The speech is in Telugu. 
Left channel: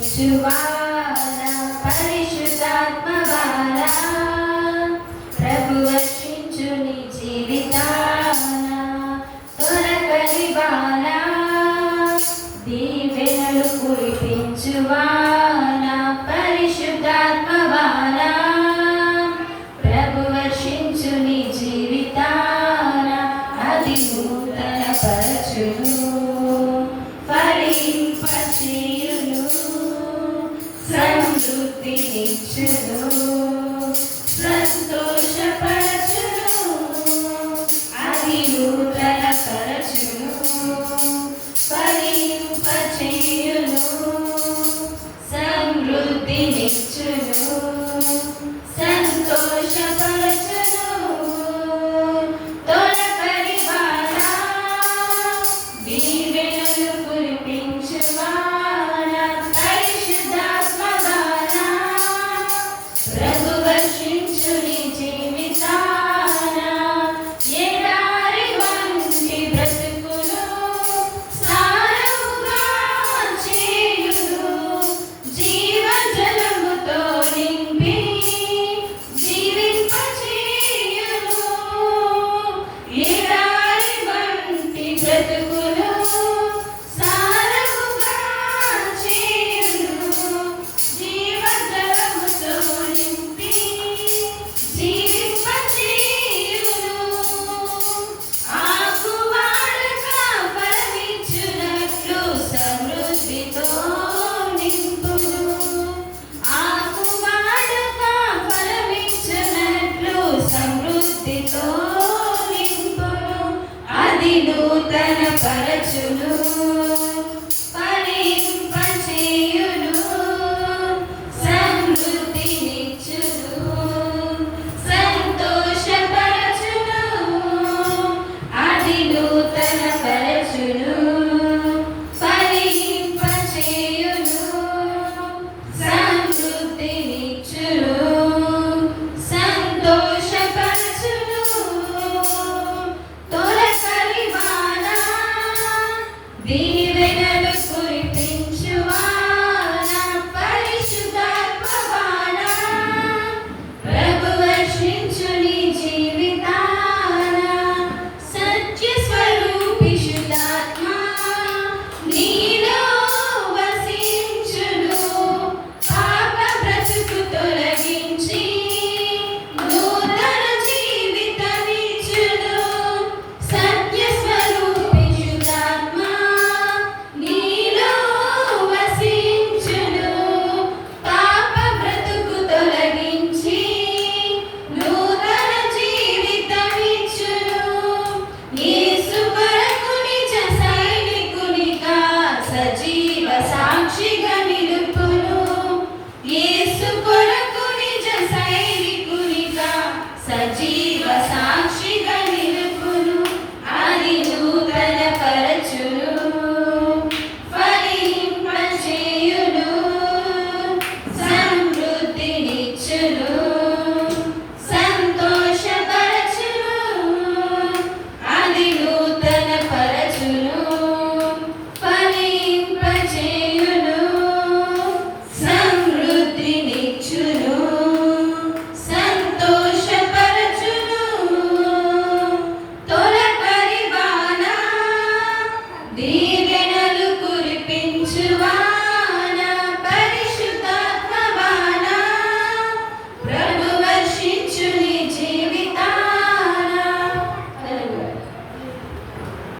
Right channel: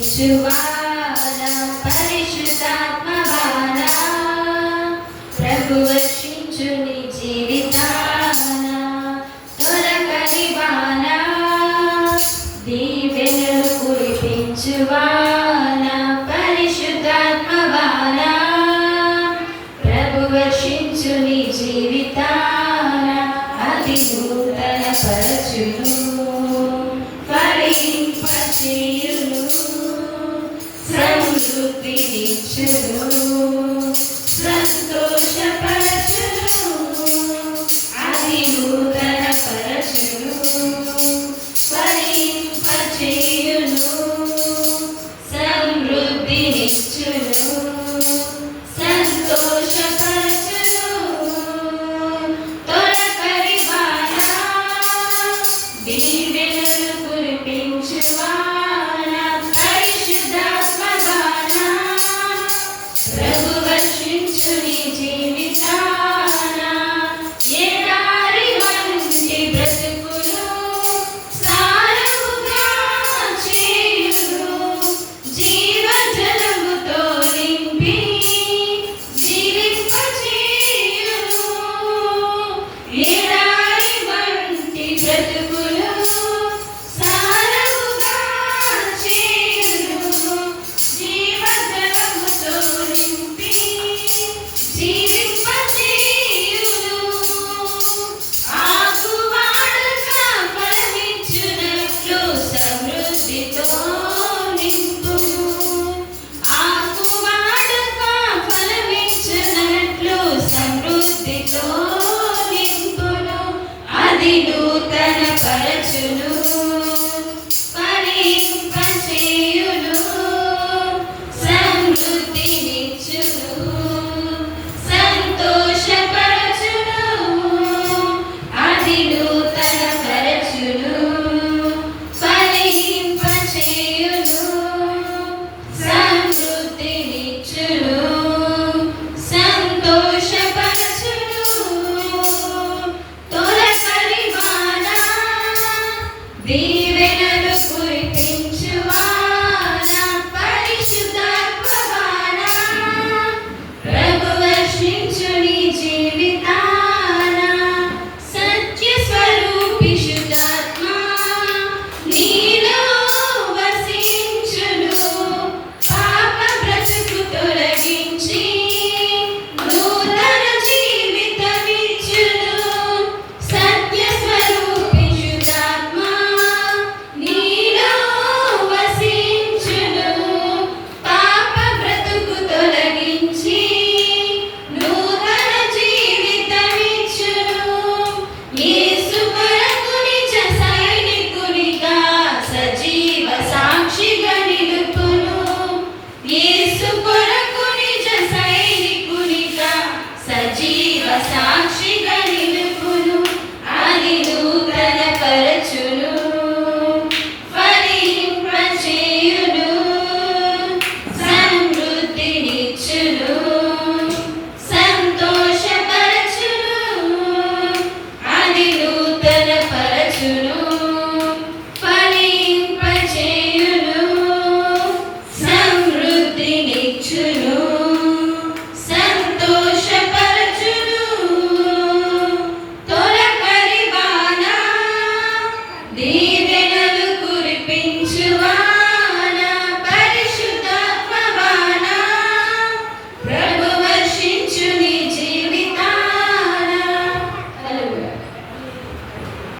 కురిపించువాడా పరిశుద్ధాత్మవాడా ప్రభు వర్షించు నీ జీవితాన తొలకరివానా దీవెనలు కురిపించువాడా పరిశుద్ధాత్మవాడా ప్రభు వర్షించు నీ జీవితాన అది నూతన పరచును ఫలింపచేయును సమృద్ధినిచ్చును సంతోషపరచును అది నూతన పరచును ఫలింపచేయును సమృద్ధినిచ్చును సంతోషపరచును తొలకరివాడా దీవెనలు కురిపించువాడా పరిశుద్ధాత్మవాడా ప్రభు వర్షించు నీ జీవితాన ఎడారి వంటి బ్రతుకును సారముగా చేయును జీవజలముతో నింపి జీవింపచేయును ఎడారి వంటి బ్రతుకును సారముగా చేయును జీవజలముతో నింపి జీవింపచేయును ఆకువాడగా ఫలమిచ్చునట్లు సమృద్ధితో నింపును ఆకువాడగా ఫలమిచ్చునట్లు సమృద్ధితో నింపును అది నూతన పరచును ఫలింపచేయును సమృద్ధినిచ్చును సంతోషపరచును అది నూతన పరచును ఫలింపచేయును